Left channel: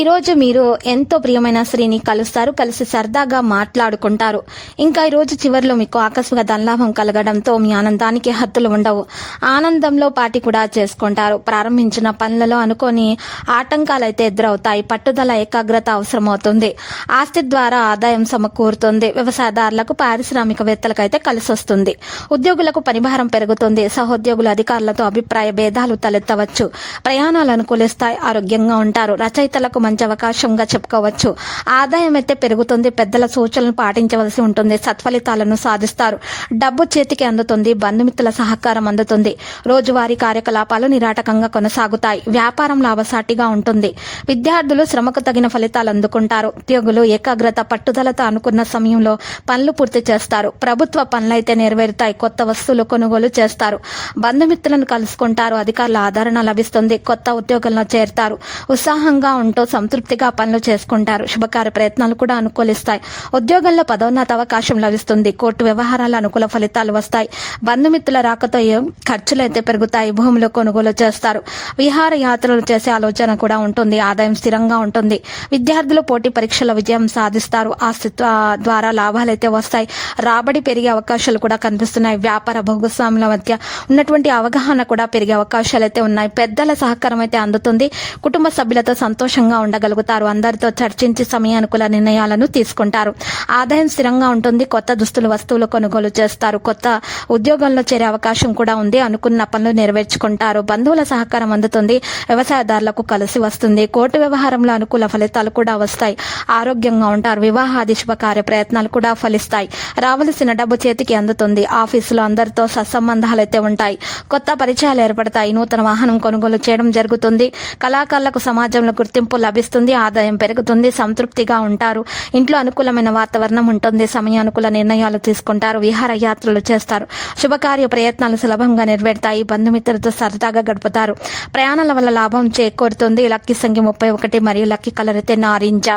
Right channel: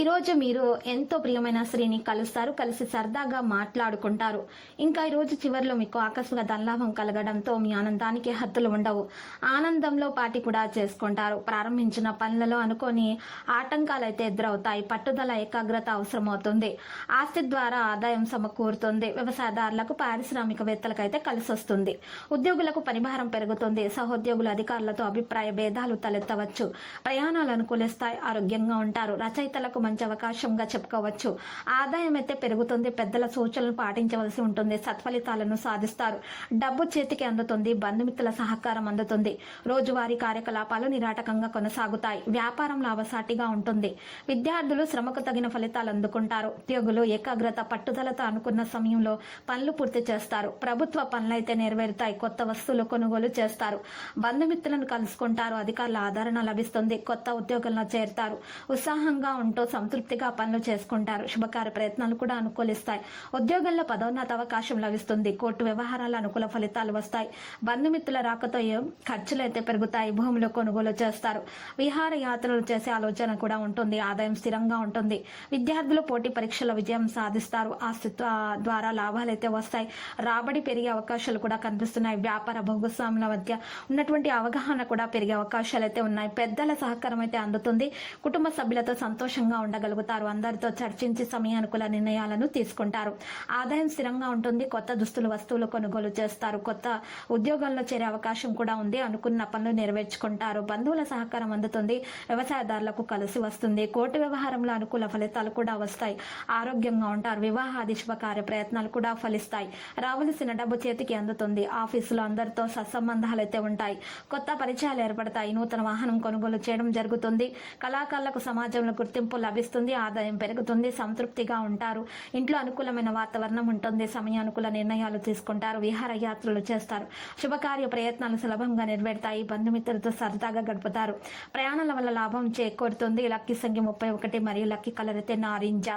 ఈరోజు మీరు ఎంతో ప్రియమైన స్త్రీని కలుస్తారు. కలిసి సరదాగా మాట్లాడుకుంటారు. ఇంకా ఈరోజు చివరిలో మీకు ఆకస్మిక ధనలాభం కలగడంతో మీ ఆనందానికి హద్దులు ఉండవు. ఆనందంలో పాటి కూడా చేసుకుంటారు. ప్రారంభించిన పనులలో అనుకొని ఆటంకాలు అయితే ఎదురవుతాయి. పట్టుదల ఏకాగ్రత అవసరమవుతుంది. ఆస్తి ద్వారా ఆదాయం సమకూరుతుంది. వ్యవసాయదారులకు పారిశ్రామికవేత్తలకు అయితే కలిసి వస్తుంది ఉద్యోగులకు పనిభారం పెరుగుతుంది. సహోద్యోగులు అధికారులతో అభిప్రాయ భేదాలు తలెత్తవచ్చు. ప్రయాణాలు అనుకూలిస్తాయి. ఆరోగ్యంగా ఉంటారు. రచయితలకు మంచి అవకాశంగా చెప్పుకోవచ్చు. ఆదాయం అయితే పెరుగుతుంది. పెద్దల సూచనలు పాటించవలసి ఉంటుంది. సత్ఫలితాలను సాధిస్తారు. డబ్బు చేతికి అందుతుంది. బంధుమిత్రుల సహకారం అందుతుంది. రోజువారీ కార్యకలాపాలు నిరాటకంగా కొనసాగుతాయి. వ్యాపారం లాభసాటిగా ఉంటుంది. విద్యార్థులు శ్రమకు తగిన ఫలితాలు అందుకుంటారు. ఉద్యోగులు ఏకాగ్రత పట్టుదలతో అనుకున్న సమయంలో పనులు పూర్తి చేస్తారు. ప్రభుత్వ పనులైతే నెరవేరుతాయి. కొత్త వస్తువులు కొనుగోలు చేస్తారు. బంధుమిత్రులను కలుసుకుంటారు. అధికారుల ఆదరణ లభిస్తుంది. కొత్త ఉద్యోగంలో చేరుతారు. ఉత్సాహంగా ఉంటూ సంతృప్తిగా పనులు చేసుకుంటారు. శుభకార్య ప్రయత్నాలు కూడా అనుకూలిస్తాయి. ఉద్యోగంలో పదోన్నత అవకాశం లభిస్తుంది. కోర్టు వ్యవహారాల అనుకూల ఫలితాలు వస్తాయి. బంధుమిత్రుల రాకతో ఖర్చులు అయితే పెరుగుతాయి భూములు కొనుగోలు చేస్తారు. విహార యాత్రలు చేసే ఆలోచన కూడా ఉంటుంది. ఆదాయం స్థిరంగా ఉంటుంది. విద్యార్థులు పోటీ పరీక్షల విజయం సాధిస్తారు. ఆస్తిత్వ ద్వారా లాభాలు అయితే వస్తాయి. రాబడి పెరిగే అవకాశాలు కూడా కనిపిస్తున్నాయి. వ్యాపార భాగస్వాముల మధ్య ఉన్నటువంటి అవగాహన కూడా పెరిగే అవకాశాలు అయితే ఉన్నాయి. పెద్దల సహకారం అయితే అందుతుంది. కుటుంబ సభ్యులతో సంతోషంగా ఉండగలుగుతారు. అందరితో చర్చించి సమయానుకూల నిర్ణయాలను తీసుకుంటారు. ఆదాయం స్థిరంగా ఉంటుంది. కొత్త దుస్తులు వస్తువులు కొనుగోలు చేస్తారు. కొత్త ఉద్యోగంలో చేరే అవకాశం కూడా ఉంది అనుకున్న పనులు నెరవేర్చుకుంటారు. బంధువుల సహకారం అందుతుంది. వ్యవసాయదారులకు కలిసి వస్తుంది. కోర్టు వ్యవహారంలో అనుకూల ఫలితాలు కూడా వస్తాయి. ఆరోగ్యంగా ఉంటారు. వివాహాది శుభకార్య ప్రయత్నాలు కూడా ఫలిస్తాయి. రావలసిన డబ్బు చేతికి అందుతుంది. ఆఫీసులో అందరితో సత్సంబంధాలు అయితే ఉంటాయి. కొత్త పరిచయాలు ఏర్పడతాయి. నూతన వాహనం కొనుగోలు చేయడం జరుగుతుంది. కళాకారులకు సమాజంలో గుర్తింపు లభిస్తుంది ఆదాయం పెరుగుతుంది సంతృప్తిగా ఉంటారు. ఇంట్లో అనుకూలమైన వాతావరణం ఉంటుంది సమయానుకూల నిర్ణయాలు తీసుకుంటారు విహారయాత్రలు చేస్తారు. శుభకార్య ప్రయత్నాలు సులభంగా నెరవేరుతాయి బంధుమిత్రులతో సరదాగా గడుపుతారు. ప్రయాణాల వల్ల లాభం చేకూరుతుంది. లక్కీ సంఖ్య ముప్పై ఒకటి మరియు లక్కీ కలర్ అయితే నారింజ.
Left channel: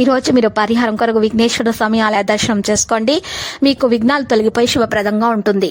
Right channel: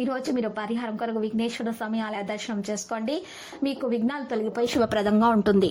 ఈ రోజు మీరు పరిహారం కొరకు విఘ్నేశ్వర స్వామి ఆలయ దర్శనం చేసుకోండి. మీకు విఘ్నాలు తొలగిపోయి శుభప్రదంగా ఉంటుంది.